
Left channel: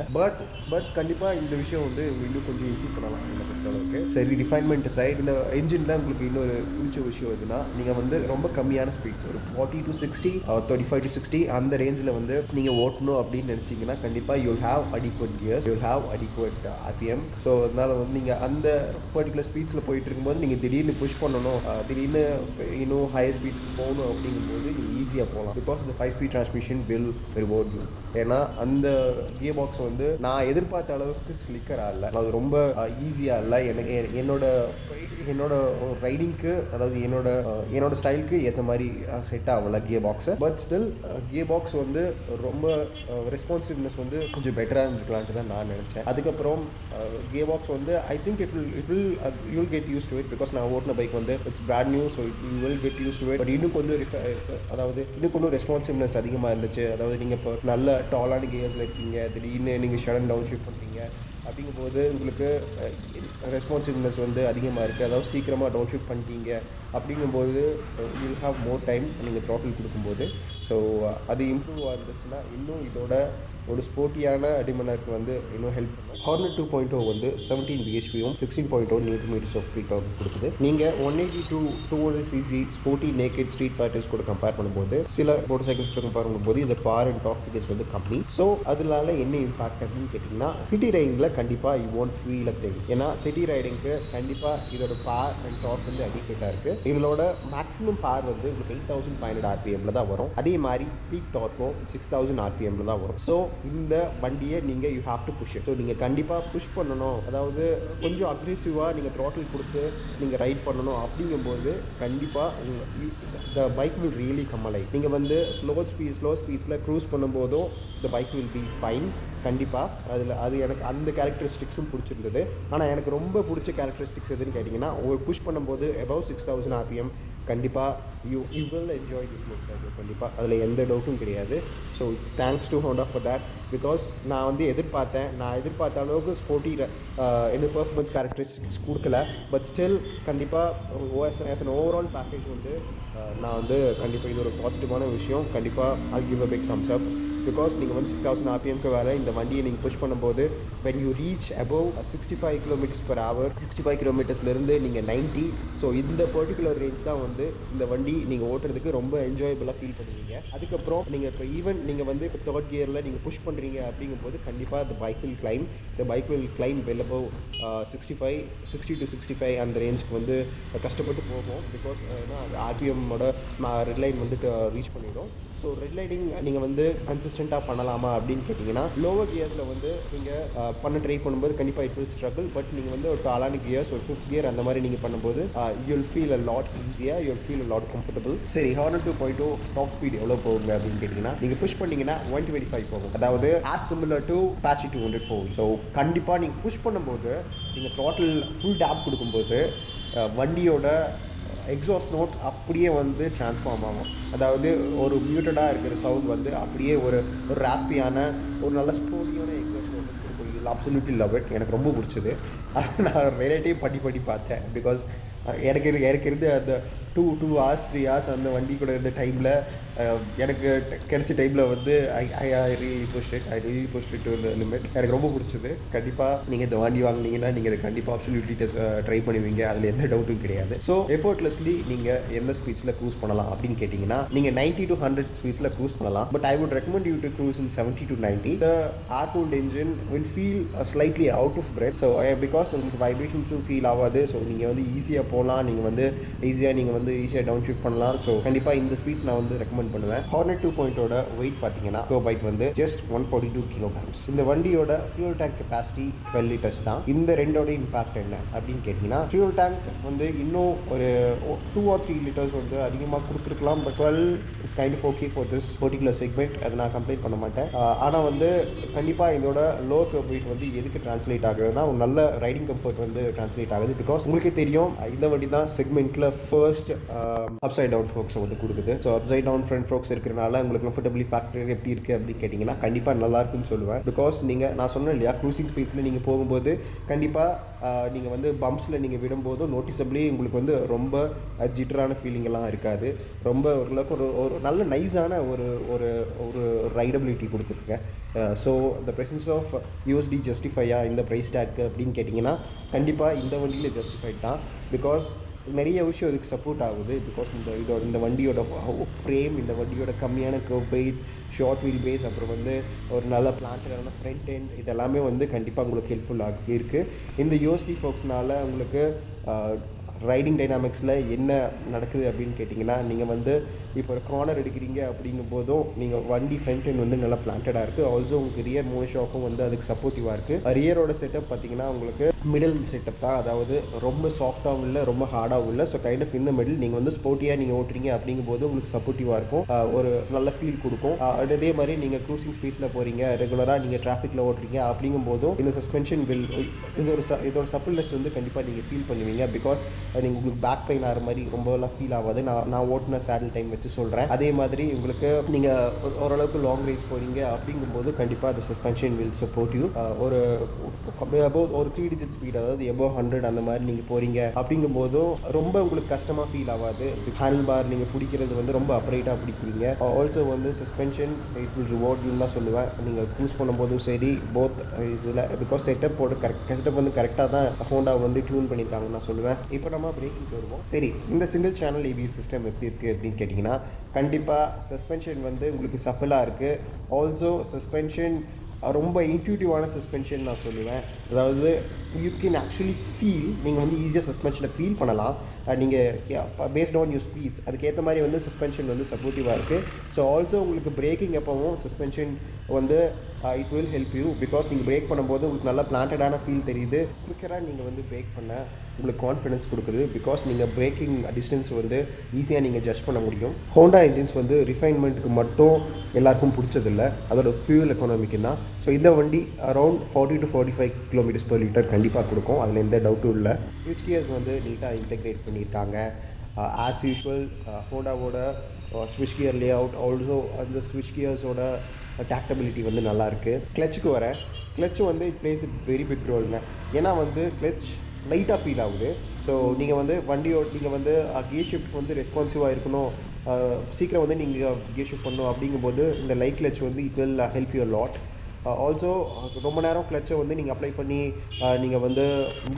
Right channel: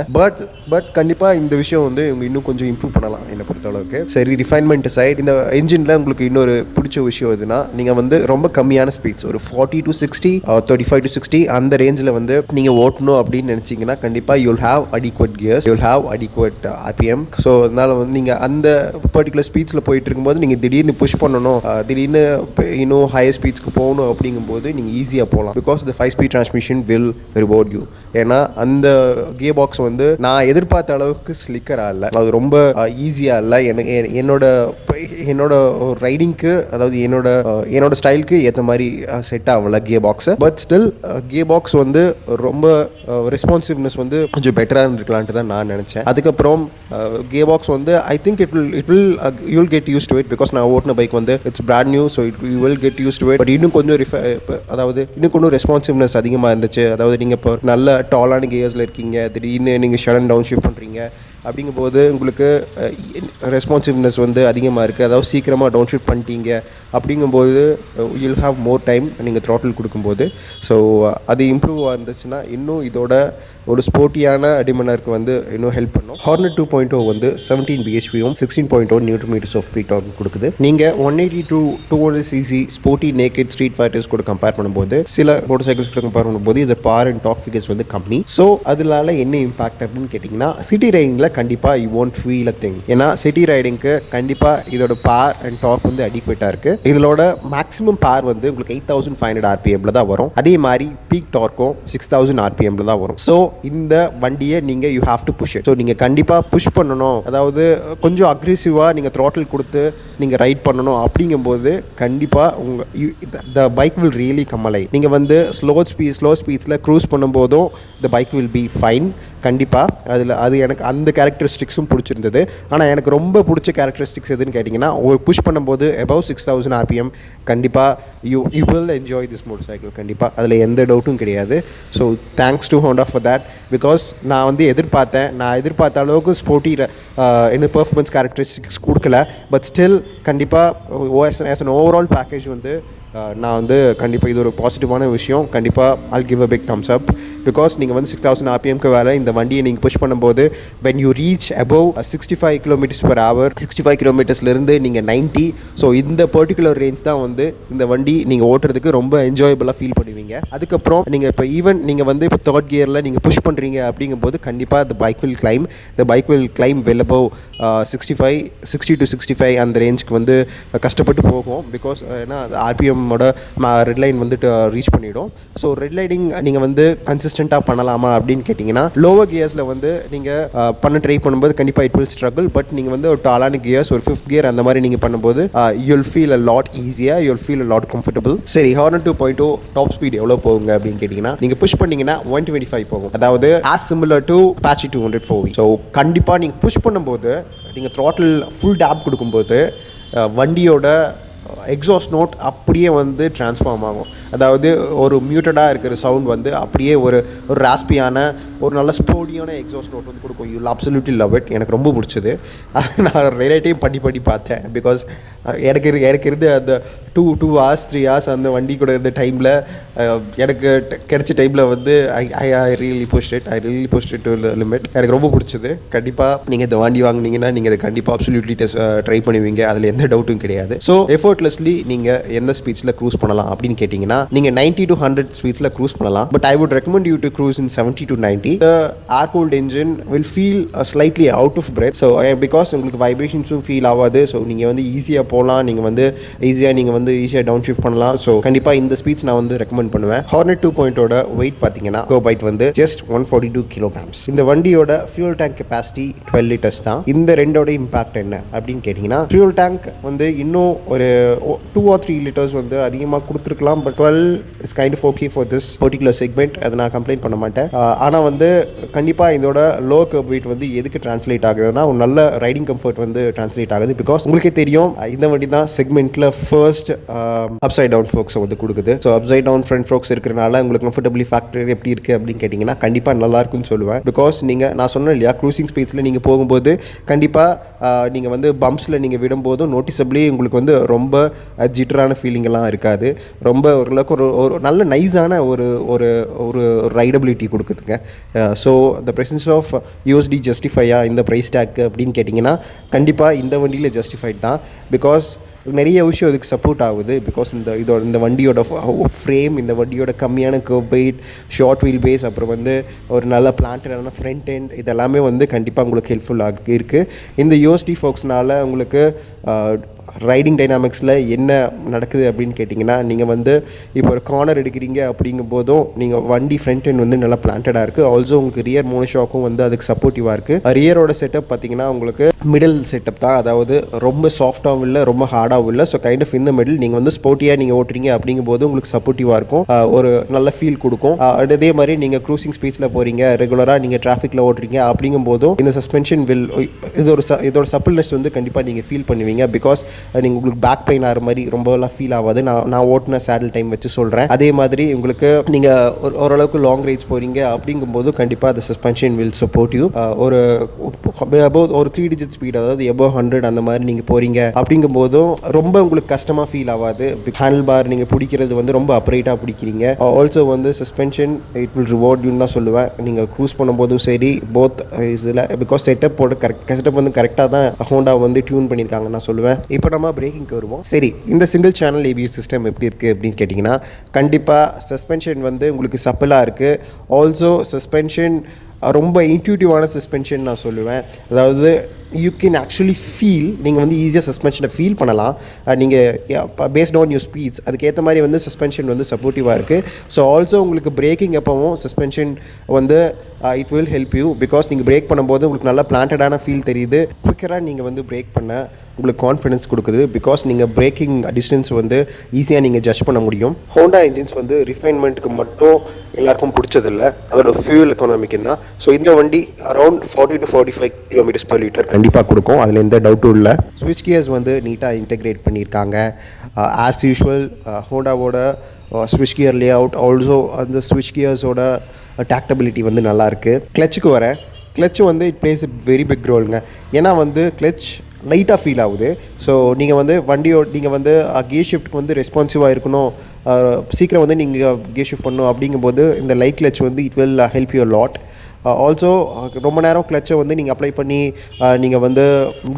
பட் கண்டிப்பாக இந்த விஷயம் வந்து இவங்க இன்னும் கொஞ்சம் இம்ப்ரூவ் பண்ணலாம் என்னை பொறுத்தளவுக்கு. சரி, ரிஃபைன்மெண்ட் சைட் இந்த என்ஜினில் உங்களுக்கு இன்னொரு பிடிச்ச விஷயம் எதுனா, நீங்கள் வந்து ரொம்ப கம்மியான ஸ்பீட்ஸ் ஒரு 40 to 60 35 to 60 அந்த ரேஞ்சில் வந்து நீங்கள் ஓட்டணும் அப்படின்னு நினச்சிங்கன்னா கண்டிப்பாக you'll have adequate gears, you'll have adequate RPM. So அதனால் வந்து நீங்கள் அந்த பர்டிகுலர் ஸ்பீட்ஸில் போயிட்டு இருக்கும்போது நீங்கள் திடீர்னு புஷ் பண்ணணும், திடீர்னு இன்னும் ஹையர் ஸ்பீட்ஸ்க்கு போகணும் அப்படிங்கும்போது நீங்கள் ஈஸியாக போகலாம். Because the 5-speed transmission will reward reward you. ஏன்னா அந்த கியர் பாக்ஸ் வந்து நான் எதிர்பார்த்த அளவுக்கு ஸ்லிக்கராக இல்லை, அது ரொம்ப ஈஸியாக இல்லை. என்னோட ரைடிங்க்கு, அதாவது என்னோட ஸ்டைலுக்கு ஏற்ற மாதிரி செட் ஆகலை gear box. But still gear box வந்து ரொம்ப ரெஸ்பான்சிவ்னஸ் வந்து கொஞ்சம் பெட்டராக இருந்திருக்கலான்ட்டு தான் நான் நினச்சேன். அதுக்கப்புறம் கியர் பாக்ஸ் வந்து I think you will get used to it. Because நான் ஓட்டின பைக் வந்து it's brand new, so you will get used to it. But இன்னும் கொஞ்சம் இன்னும் கொஞ்சம் ரெஸ்பான்சிவ்னஸ் அதிகமாக இருந்துச்சு. அதாவது நீங்கள் இப்போ நல்ல டாலான கியர்ஸில் இருக்கீங்க, திடீர்னு நீங்கள் ஷட் அண்ட் டவுன் ஷிஃப்ட் பண்ணுறீங்க, அப்படிங்கும்போது உங்களுக்கு ரெஸ்பான்சிவ்னஸ் வந்து அதிகமாக இருக்குது. அதாவது சீக்கிரமாக டவுன் ஷிஃப்ட் பண்ணிட்டீங்க அப்படிங்கும்போது யூல் ஹாவ் மோர் டைம் நீங்கள் த்ராட்டில் கொடுக்கும்போது. ஸோ அது இம்ப்ரூவ் இருந்துச்சுன்னா இன்னும் இதோட ஒரு ஸ்போர்ட்டியான அடிமனருக்கு வந்து இன்னும் ஹெல்ப் பண்ணும். ஹார்னட் 2.0 வந்து 17 bhpயும் 16.0 Nm ஆஃப் ஸ்பீட் டார்க் கொடுக்குது. நீங்கள் 180 to 200 cc sporty naked street fighters கூட கம்பேர் பண்ணும்போது, சில மோட்டர் சைக்கிள்ஸ் கூட கம்பேர் பண்ணும்போது இது பார் அண்ட் டாப் ஃபிகர்ஸ் வந்து கம்மி. ஸோ அதனால என்ன இம்பாக்ட் அப்படின்னு கேட்டிங்கன்னா, சிட்டி ரைடிங்கில் கண்டிப்பாக you won't feel a thing. ஏன்னா சிட்டி ரைடிங்க்கு கண்டிப்பாக இதோட பார் அண்ட் டாப் வந்து அடிக்வேட்டாக இருக்குது. இதோட மேக்ஸிமம் பார் வந்து உங்களுக்கு 8500 RPMல தான் வரும். அதே மாதிரி பீக் டார்க்கும் 6000 RPMல தான் வரும். ஸோ இந்த வண்டியை நீங்கள் you have to push it. So நீங்கள் கண்டிப்பாக புஷ் பண்ணணும், அதாவது கொஞ்சம் அக்ரெசிவாக நீங்கள் த்ராட்டில் கொடுத்து நீங்கள் ரைட் பண்ணணும். அப்படிங்கும்போது கண்டிப்பாக த bike will really come alive. நீங்கள் வந்து ஸ்லோ ஸ்பீட்ஸில் க்ரூஸ் பண்ணும்போதும் த பைக் வில் பி ஃபைன். கண்டிப்பாக அது எனக்கு அந்த கேரக்டரிஸ்டிக்ஸும் பிடிச்சிருந்தது. ஆனால் எனக்கு ரொம்ப பிடிச்ச கேரக்டரிஸ்டிக்ஸ் எதுன்னு கேட்டிங்கன்னா, ஒரு புஷ் பண்ணும்போது above 6000 RPM கண்டிப்பாக you will enjoy this motor cycle. கண்டிப்பாக அதில் எந்த டவுட்டும் கிடையாது. So thanks to Honda for that. Because நான் வந்து எதிர்பார்த்த அளவுக்கு ஸ்போர்ட்டி என்ன பெர்ஃபார்மன்ஸ் கேரக்டரிஸ்டிக்ஸ் கொடுக்கல. பட் ஸ்டில் கண்டிப்பாக ஆஸ் அன் ஓவரால் பேக்கேஜ் வந்து நான் வந்து கண்டிப்பாக இது ஒரு பாசிட்டிவான விஷயம். கண்டிப்பாக I'll give a big thumbs up. Because நீங்கள் வந்து 6000 RPMக்கு வேலை இந்த வண்டியை நீங்கள் புஷ் பண்ணும்போது when you reach above 65 km/h 65 கிலோமீட்டர்ஸ்லேருந்து நீங்கள் 90, ஸோ இந்த பர்டிகுலர் ரேஞ்ச் தான் வந்து இந்த வண்டி நீங்கள் ஓட்டுறதுக்கு ரொம்ப என்ஜாயபுளாக ஃபீல் பண்ணுவீங்க. அதுக்கப்புறம் நீங்கள் இப்போ நீங்கள் வந்து இப்போ தேர்ட் கியரில் நீங்கள் புஷ் பண்ணுறீங்க அப்படிங்கும்போது கண்டிப்பாக the bike will climb well above 60 to 65 அந்த ரேஞ்சுக்கு வந்து கஷ்டப்பட்டு போகும். பிகாஸ் ஏன்னா RPMோட ரெட் லைன் வந்துட்டு ரீச் பண்ணிவிடும். ஸோ ரெட் லைனிங் நீங்கள் வந்து கன்சிஸ்டண்ட்டாக பண்ணலாமா அப்படின்னு கேட்டிங்கன்னா, லோவர் கியர்ஸில் வந்து நீங்கள் ட்ரை பண்ணும்போது கண்டிப்பாக இட் வில் ஸ்ட்ரகிள். பட் நீங்கள் வந்து ஒரு டாலான கியர்ஸ், ஒரு 5th கியர் அந்த மாதிரி நீங்கள் பண்ணும்போது யூல் ஃபீல் அ லாட் ஈஸியாக, you'll feel a lot comfortable. சரி, ஹார்னட் 2.0 டாப் ஸ்பீட் எவ்வளோ போகுங்க அப்படின்னு கேட்டிங்கன்னா, நீங்கள் புஷ் பண்ணிங்கன்னா 125 போகும். அதாவது as similar to Apache 200 4V. So கண்டிப்பாக நீங்கள் புஷ் பண்ணும்போது, நீங்கள் த்ராட்டில் ஃபுல் டேப் கொடுக்கும்போது வண்டியோட எக்ஸாஸ்ட் நோட் அப்படியே வந்து ட்ரான்ஸ்ஃபார்ம் ஆகும். அதாவது ஒரு மியூட்டடாக இருக்கிற சவுண்ட் வந்து அப்படியே ஒரு ராஸ்பியான ஒரு நல்ல ஸ்போர்ட்டியான எக்ஸாஸ்ட் நோட் வந்து கொடுக்கும். You absolutely love it. எனக்கு ரொம்ப பிடிச்சது. நான் நிறைய டைம் பண்ணி பார்த்தேன். பிகாஸ் எனக்கு இருந்து அந்த 2 hours 3 hours அந்த வண்டி கூட இருந்த டைமில் எனக்கு கிடைச்ச டைமில் வந்து I really pushed it to limit. எனக்கு ரொம்ப பிடிச்சது. கண்டிப்பாக நீங்கள் இந்த வண்டி வாங்கினீங்கன்னா நீங்கள் இதை கண்டிப்பாக அப்சல்யூட்லி ட்ரை பண்ணுவீங்க, அதில் எந்த டவுட்டும் கிடையாது. ஸோ எஃபர்ட்லெஸ்லி நீங்கள் எந்த ஸ்பீட்ஸில் க்ரூஸ் பண்ணலாம் அப்படின்னு கேட்டிங்கன்னா, நீங்கள் 90 to 100 ஸ்பீட்ஸில் க்ரூஸ் பண்ணலாம். But I would recommend you to cruise in 70 to 90. The air-cooled engine will feel slightly out of breath. So because உங்களுக்கு வைப்ரேஷன்ஸும் ஃபீல் ஆகாது. ஸோ நீங்கள் வந்து ஈஸியாக போகலாம், நீங்கள் வந்து ஈஸியாக டவுன் ஷிஃப்ட் பண்ணலாம். ஸோ கண்டிப்பாக இந்த ஸ்பீட்ஸ் நான் வந்து ரெக்கமெண்ட் பண்ணுவேன். ஹார்னட் 2.0 வெயிட் பார்த்தீங்கன்னா கோபைட் வந்து just 142 kilograms. இந்த வண்டியோட ஃபியூல் டேங்க் கெப்பாசிட்டி 12 liters தான். இந்த ரெண்டோட இம்பாக்ட் என்ன அப்படின்னு கேட்டிங்கன்னா, ஃபியூல் டேங்க் வந்து இன்னும் ஒரு 2 or 3 liters வந்து அதிகமாக கொடுத்துருக்கலாம். But 12 is kind of okay for this particular segment. அதை நான் கம்ப்ளைண்ட் பண்ண மாட்டேன். ஆனால் வந்து கண்டிப்பாக இதோட லோ கர்வ் வெயிட் வந்து எதுக்கு ட்ரான்ஸ்லேட் ஆகுதுன்னா, ஒரு நல்ல ரைடிங் கம்ஃபர்ட் வந்து ட்ரான்ஸ்லேட் ஆகுது. பிகாஸ் உங்களுக்கே தெரியும், இந்த வண்டி தான் செக்மெண்ட்டில் ஃபர்ஸ்ட் அப்சைட் டவுன் ஃபோக்ஸை வந்து கொடுக்குது. So upside down front forks இருக்கிறனால உங்களுக்கு கம்ஃபர்டபிளி ஃபேக்டர் எப்படி இருக்குது அப்படின்னு கேட்டிங்கன்னா, கண்டிப்பாக நல்லா இருக்குன்னு சொல்லுவேன். பிகாஸ் நான் சொன்னேன் இல்லையா, க்ரூசிங் ஸ்பீட்ஸில் நீங்கள் போகும்போது கண்டிப்பாக நீங்கள் வந்து பம்ப்ஸில் நீங்கள் விடும்போதும் நோட்டிசபிளி உங்களுக்கு வந்து ரொம்ப ஜிட்டரான ஃபீலிங்கெல்லாம் இருக்காது. ரொம்ப ஓரளவுக்கு ஒரு நல்ல நைஸான ஒரு ரைடபிலிட்டி கொடுக்குதுங்க. So the presence of USD ஜஸ்டிஃபையா இந்த ப்ரைஸ் டேக் அப்படின்னு கேட்டிங்கன்னா, கண்டிப்பாக இந்த வண்டியில் ஜஸ்டிஃபைட் தான். பிகாஸ் நிறைய விஷயம் இதுக்கு சப்போர்ட் ஆகுது. பிகாஸ் இந்த வண்டியோட ஃப்ரேம், இந்த வண்டியோட கம்மியான kerb weight, short wheel base, அப்புறம் வந்து ஒரு நல்ல பிளான்டடான ஃப்ரண்ட் எண்ட், இதெல்லாமே வந்து கண்டிப்பாக உங்களுக்கு ஹெல்ப்ஃபுல்லாக இருக்குது. இந்த யூஎஸ்டி ஃபோக்ஸ்னால் உங்களுக்கு ரைடிங் டைனாமிக்ஸில் என்ன நடக்குது அப்படின்னு கேட்டிங்கன்னா, நீங்கள் வந்து இப்போ ஒரு கார்னர் எடுக்கிறீங்க அப்படிங்கும்போதும் நீங்கள் வண்டி ஃப்ரண்ட் எண்ட் வந்து நல்லா பிளான்டடாக இருக்குது. ஆல்சோ உங்களுக்கு ரியர் மோனோஷாக்கும் வந்து அதுக்கு சப்போர்ட்டிவாக இருக்குது. ரியரோட செட்டப் பார்த்தீங்கன்னா உங்களுக்கு மிடில் செட்டப் தான், அதாவது ரொம்ப சாஃப்டாகவும் இல்லை ரொம்ப ஹார்டாகவும் இல்லை. ஸோ கைண்ட் ஆஃப் இந்த மிடில் நீங்கள் வந்து ஸ்போர்ட்டியாக நீங்கள் ஓட்டுறீங்க அப்படிங்கும்போது உங்களுக்கு சப்போர்ட்டிவாக இருக்கும், ஒரு நல்ல ஃபீல் கொடுக்கும். அதே மாதிரி நீங்கள் க்ரூசிங் ஸ்பீட்ஸில் போகிறீங்க, ரெகுலராக நீங்கள் டிராஃபிக்கில் ஓட்டுறீங்க அப்படிங்கும்போதும் இந்த சஸ்பென்ஷன் வில் இதோட சப்பிள்னஸ் வந்து கண்டிப்பாக நீங்கள் ஃபீல் பண்ணுவீங்க. பிகாஸ் நீங்கள் உங்களுக்கு பேக் பெயின் ஆகிற மாதிரி ரொம்பலாம் ஃபீல் ஆகாது. நான் ஓட்டின சேடில் டைம் வச்சு சொல்கிறேன். அதே மாதிரி உங்களுக்கு நீங்கள் ஓரளவுக்கு லாங் ரைட்ஸ் போகிறீங்க அப்படிங்கும்போது கண்டிப்பாக அந்த சஸ்பென்ஷன் வில் சப்போர்ட் யூ. ஒரு 3 டிஜிட் ஸ்பீட், அதாவது எபோவ் 100 அந்த மாதிரி நீங்கள் போகிறீங்க அப்படிங்கும்போதும் ரொம்ப உங்களுக்கு கஷ்டமாக ஃபீல் ஆகாது. ஹேண்டில் பார் நீங்கள் பிடிக்கிறது வந்து ரொம்ப அப்ரைட்டாக பிடிக்கிறீங்க. ஆல்சோ வந்து சஸ்பென்ஷன் இட் வில் ரிவார்ட் யூன்னு தான் சொல்லுவேன். நீங்கள் க்ரூஸ் பண்ணும்போதும் சரி போத் இதில், பிகாஸ் செட்டப் வந்து கரெக்டாக தான் ஹோண்டா வந்து டியூன் பண்ணியிருக்காங்கன்னு நான் சொல்லுவேன். இப்போ நம்ம பிரேக்கிங்க்கு வருவோம். சரி, இந்த சிங்கிள் சேனல் ஏபிஎஸ் சிஸ்டம் எப்படி இருக்குது அப்படின்னு கேட்டிங்கன்னா, கண்டிப்பாக சஸ்பென்ஷன் வந்து உங்களுக்கு சப்பலாக இருக்குது. ஆல்சோ சஸ்பென்ஷன் ரொம்ப இன்ட்யூட்டிவான சஸ்பென்ஷன் நான் சொல்லுவேன். அதாவது யூ கேன் ஆக்சுவலி ஃபீல், நீங்கள் வந்து ஈஸியாக சஸ்பென்ஷனை ஃபீல் பண்ணலாம். நீங்கள் பேஸ்ட் ஆன் யூர் ஸ்பீட்ஸ் அதுக்கேற்ற மாதிரி வந்து சஸ்பென்ஷன் வந்து சப்போர்ட்டிவாக இருக்குது. ஸோ ஆல்சோ உங்களுக்கு பிரேக்கிங் எப்போவும் சஸ்பென்ஷன் வந்து it will help you. Because நீங்கள் பிரேக் பண்ணும்போது உங்களுக்கு நல்லா பிளான்டடான ஃபீல் தெரியுது. குவிக்கராக நீங்கள் வந்து பிரேக் பண்ண உங்களுக்கு கான்ஃபிடன்ஸ் கொடுக்குது. பிகாஸ் நீங்கள் பிரேக்கிங் டிஸ்டன்ஸ் வந்து ஈஸியாக நீங்கள் ஜட்ஜ் பண்ண முடியும். ஹோண்டா இன்ஜின்ஸ் வந்து ரிஃபைன்மெண்ட்டுக்கு மட்டும் எல்லாருக்கும் பிடிச்சதில்லை, அதோட ஃபியூல் எக்கானமிக்கு தான். ஸோ இந்த வண்டி அரௌண்ட் 40 to 45 km/l கண்டிப்பாக கொடுக்கும், அதில் எந்த டவுட்டும் இல்லை. ஸ்விட்ச் கியர்ஸ் வந்து நீட்டாக இன்டெகிரேட் பண்ணியிருக்காங்க. ஆஸ் யூஷுவல் ஹோண்டாவோட ஸ்விட்ச் கியர் லே அவுட், ஆல்சோ அந்த ஸ்விட்ச் கியர்ஸோட டாக்டபிலிட்டி வந்து நல்லாயிருக்கு. கிளச்சுக்கு வரேன். கிளச்சு வந்து it plays a very big ரோலுங்க. ஏன்னா வந்து கிளச் லைட்டாக ஃபீல் ஆகுது. ஸோ நீங்கள் வந்து நீங்கள் வந்து கியர் ஷிஃப்ட்டுக்கு வந்து ரெஸ்பான்சிவாக இருக்கணும், சீக்கிரம் வந்து நீங்கள் கியர் ஷிஃப்ட் பண்ணணும் அப்படிங்கும்போது இந்த லைட் கிளச் வந்து it will help you lot. Also ரொம்ப நேரம் கிளச்சை வந்து நீங்கள் அப்ளை பண்ணி நீங்கள் வந்து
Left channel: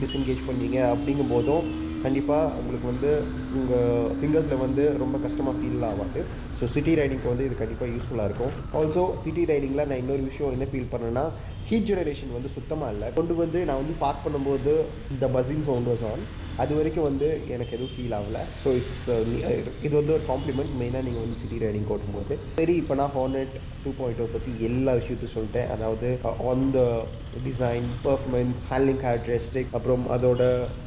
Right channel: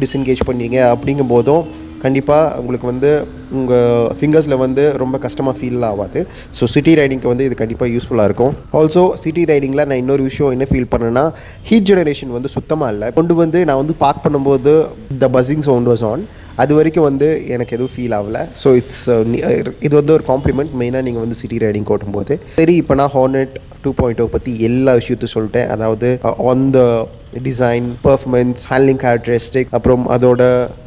டிஸ்என்கேஜ் பண்ணீங்க அப்படிங்கும்போதும் கண்டிப்பாக உங்களுக்கு வந்து உங்கள் ஃபிங்கர்ஸில் வந்து ரொம்ப கஷ்டமாக ஃபீல் ஆகாது. ஸோ சிட்டி ரைடிங்க்கு வந்து இது கண்டிப்பாக யூஸ்ஃபுல்லாக இருக்கும். ஆல்சோ சிட்டி ரைடிங்கில் நான் இன்னொரு விஷயம் என்ன ஃபீல் பண்ணேன்னா, ஹீட் ஜெனரேஷன் வந்து சுத்தமாக இல்லை. வந்து நான் வந்து பார்க் பண்ணும்போது த பஸ்ஸிங் சவுண்ட் வாஸ் ஆன், அது வரைக்கும் வந்து எனக்கு எதுவும் ஃபீல் ஆகலை. ஸோ இது வந்து ஒரு காம்ப்ளிமெண்ட் மெயினாக நீங்கள் வந்து சிட்டி ரைடிங் ஓட்டும்போது. சரி, இப்போ நான் ஹார்னெட் 2.0 பற்றி எல்லா விஷயத்தையும் சொல்லிட்டேன். அதாவது on the design, performance, handling characteristic, அப்புறம் அதோட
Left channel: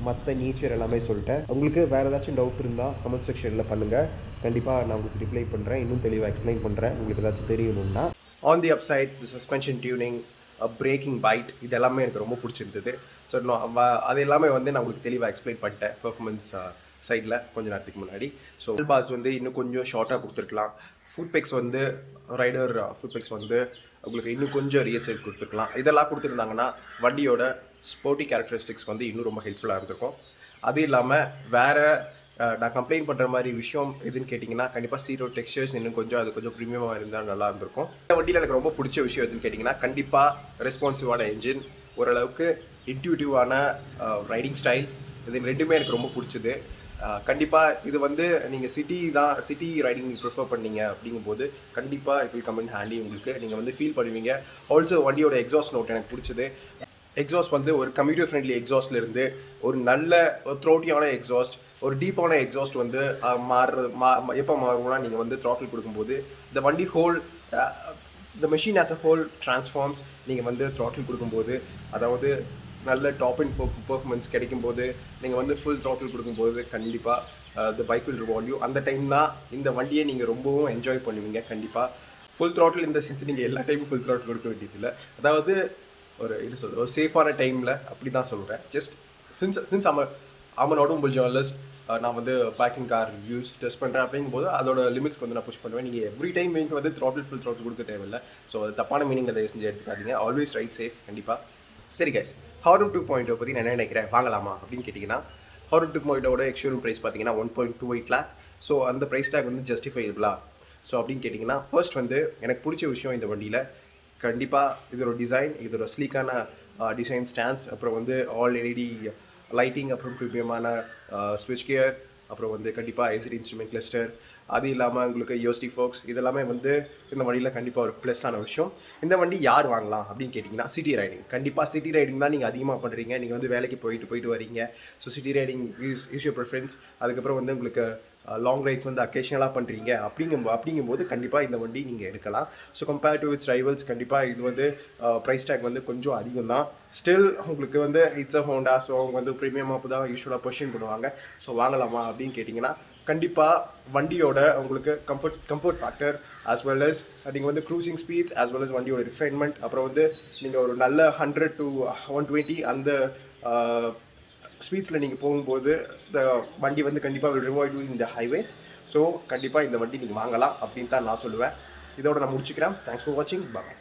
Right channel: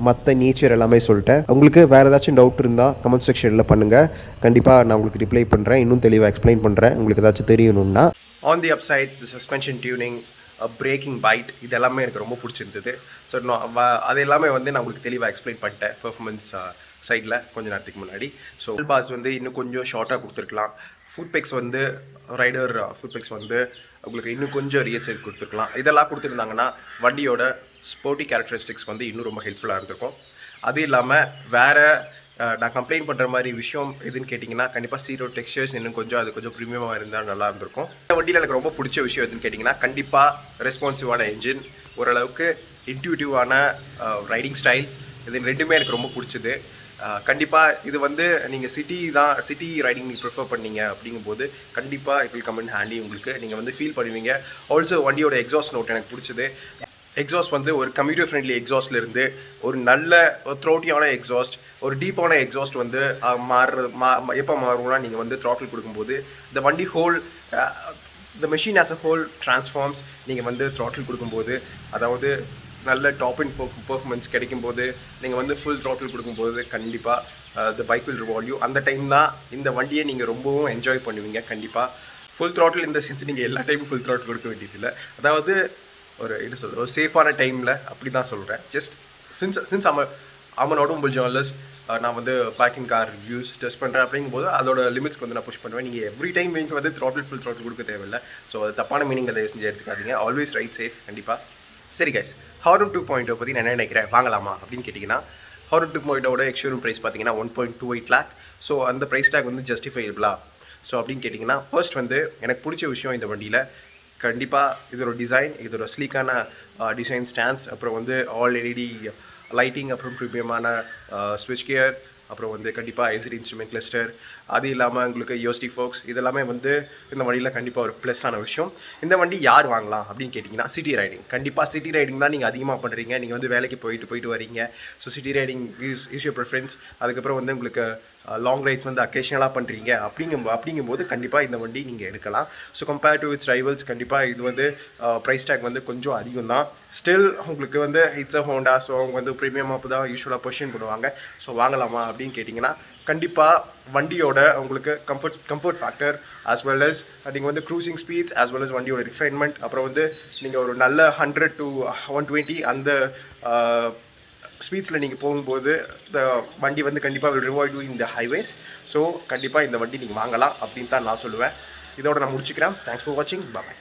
மற்ற நேச்சர் எல்லாமே சொல்லிட்டேன். உங்களுக்கு வேறு ஏதாச்சும் டவுட் இருந்தால் கமெண்ட் செக்ஷனில் பண்ணுங்கள், கண்டிப்பாக நான் உங்களுக்கு ரிப்ளை பண்ணுறேன், இன்னும் தெளிவாக எக்ஸ்பிளைன் பண்ணுறேன் உங்களுக்கு ஏதாச்சும் தெரியணும்னா. On the upside the suspension tuning, braking bite, இது எல்லாமே எனக்கு ரொம்ப பிடிச்சிருந்தது. ஸோ அது எல்லாமே வந்து நான் உங்களுக்கு தெளிவாக எக்ஸ்பிளைன் பண்ணிட்டேன் பெர்ஃபார்மன்ஸ் சைடில் கொஞ்ச நேரத்துக்கு முன்னாடி. ஸோ பாஸ் வந்து இன்னும் கொஞ்சம் ஷார்ட்டாக கொடுத்துருக்கலாம். ஃபுட்பெக்ஸ் வந்து ரைடர் ஃபுட்பெக்ஸ் வந்து உங்களுக்கு இன்னும் கொஞ்சம் ரியல் சைட் கொடுத்துருக்கலாம். இதெல்லாம் கொடுத்துருந்தாங்கன்னா வண்டியோட ஸ்போர்ட்டி கேரக்டரிஸ்டிக்ஸ் வந்து இன்னும் ரொம்ப ஹெல்ப்ஃபுல்லாக இருந்திருக்கும். அது இல்லாமல் வேறு நான் கம்ப்ளைண்ட் பண்ணுற மாதிரி விஷயம் எதுன்னு கேட்டிங்கன்னா, கண்டிப்பாக சீட்டோட டெக்ஸ்சர்ஸ் இன்னும் கொஞ்சம் அது கொஞ்சம் ப்ரீமியமாக இருந்தால் நல்லா இருந்திருக்கும். இந்த வண்டியில் எனக்கு ரொம்ப பிடிச்ச விஷயம் எதுன்னு கேட்டிங்கன்னா, கண்டிப்பாக ரெஸ்பான்சிவான என்ஜின், ஓரளவுக்கு இன்ட்யூட்டிவான ரைடிங் ஸ்டைல், இது ரெண்டுமே எனக்கு ரொம்ப பிடிச்சது. கண்டிப்பாக இது வந்து நீங்கள் சிட்டி ரைடிங் நீங்கள் ப்ரிஃபர் பண்ணீங்க அப்படிங்கும்போது கண்டிப்பாக it will come in handy. உங்களுக்கு நீங்கள் வந்து ஃபீல் பண்ணுவீங்க. ஆல்சோ வண்டியோட எக்ஸாஸ்ட் நோட் எனக்கு பிடிச்சது. எக்ஸாஸ்ட் வந்து ஒரு கம்யூட்டர் ஃப்ரெண்ட்லி எக்ஸாஸ்ட்லேருந்து ஒரு நல்ல த்ரோட்டியான எக்ஸாஸ்ட், ஒரு டீப்பான எக்ஸாஸ்ட் வந்து எப்போ மாறும்னா நீங்கள் வந்து த்ராட்டில் கொடுக்கும்போது இந்த வண்டி the machine as a whole transforms. நீங்கள் வந்து த்ராட்டில் கொடுக்கும்போது, அதாவது நல்ல டாப் அண்ட் பெர்ஃபார்மன்ஸ் கிடைக்கும்போது, நீங்கள் வந்து ஃபுல் த்ராட்டில் கொடுக்கும்போது கண்டிப்பாக the bike will reward you. அந்த டைம் தான் இந்த வண்டியை நீங்கள் ரொம்பவும் என்ஜாய் பண்ணுவீங்க. கண்டிப்பாக ஃபுல் த்ராட்டில் இந்த சென்ஸ் நீங்கள் எல்லா டைமும் ஃபுல் த்ராட்டில் கொடுக்க வேண்டியதில்லை. அதாவது ஒரு ஒரு சேஃபான டைமில் அப்படி தான் சொல்கிறேன். Just since I'm an automobile journalist, நான் வந்து back in car reviews test பண்ணுறேன் அப்படிங்கும்போது அதோட லிமிட்ஸ்க்கு வந்து நான் புஷ் பண்ணுவேன். நீங்கள் எவ்ரி டைம் நீங்கள் வந்து ஃபுல் த்ராட்டில் கொடுக்க தேவையில்லை. ஸோ அது தப்பான மீனிங் அதை செஞ்சு எடுத்துக்காதீங்க. ஆல்வேஸ் ரைட் சேஃப் கண்டிப்பாக. சரி கைஸ், ஹார்னட் 2.0 பற்றி நான் என்ன நினைக்கிறேன், வாங்கலாமா அப்படின்னு கேட்டிங்கன்னா, ஹார்னட் 2.0 எக்ஸ்ஷோரூம் ப்ரைஸ் பார்த்தீங்கன்னா 1.28 lakh. ஸோ அந்த ப்ரைஸ் டேக் வந்து ஜஸ்டிஃபைபிளா ஸோ அப்படின்னு கேட்டிங்கன்னா, ஃபர்ஸ்ட் வந்து எனக்கு பிடிச்ச விஷயம் இந்த வண்டியில் கண்டிப்பாக இதோட டிசைன், இதோட ஸ்லீக்கான டிசைன் ஸ்டாண்ட்ஸ், அப்புறம் வந்து ஆல் எல்இடி லைட்டிங், அப்புறம் ப்ரீமியமான ஸ்விட்ச் கியர், அப்புறம் வந்து கண்டிப்பாக எல்சிடி இன்ஸ்ட்ருமெண்ட் கிளஸ்டர், அது இல்லாமல் உங்களுக்கு யோஸ்டி ஃபோக்ஸ் இதெல்லாமே வந்து இந்த வண்டியில் கண்டிப்பாக ஒரு ப்ளஸ்ஸான விஷயம். இந்த வண்டி யார் வாங்கலாம் அப்படின்னு கேட்டிங்கன்னா சிட்டி ரைடிங். கண்டிப்பாக சிட்டி ரைடிங் தான் நீங்கள் அதிகமாக பண்ணுறீங்க. நீங்கள் வந்து வேலைக்கு போயிட்டு வரீங்க. So city riding is your preference. அதுக்கப்புறம் வந்து உங்களுக்கு லாங் ரைட்ஸ் வந்து அக்கேஷனலாக பண்ணுறீங்க அப்படிங்கும்போது கண்டிப்பாக இந்த வண்டி நீங்கள் எடுக்கலாம். So compare to it's rivals கண்டிப்பாக இது வந்து ப்ரைஸ் டேக் வந்து கொஞ்சம் அதிகம் தான். ஸ்டில் உங்களுக்கு வந்து இட்ஸ் அ ஹோண்டா. ஸோ அவங்க வந்து ப்ரீமியமாக தான் யூஸ்வலாக பொசிஷன் பண்ணுவாங்க. ஸோ வாங்கலாமா அப்படின்னு கேட்டிங்கன்னா கண்டிப்பாக வண்டியோட உங்களுக்கு comfort factor as well as நீங்கள் வந்து cruising speeds as well as வண்டியோட ரிஃபைன்மெண்ட், அப்புறம் வந்து நீங்கள் ஒரு நல்ல 100 to 120 அந்த ஸ்பீட்ஸில் நீங்கள் போகும்போது இந்த வண்டி வந்து கண்டிப்பாக will reward you in the highways. So கண்டிப்பாக இந்த வண்டி நீங்கள் வாங்கலாம் அப்படின்னு தான் நான் சொல்லுவேன். இதோட நான் முடிச்சுக்கிறேன். தேங்க்ஸ் ஃபார் வாட்சிங். பாய்.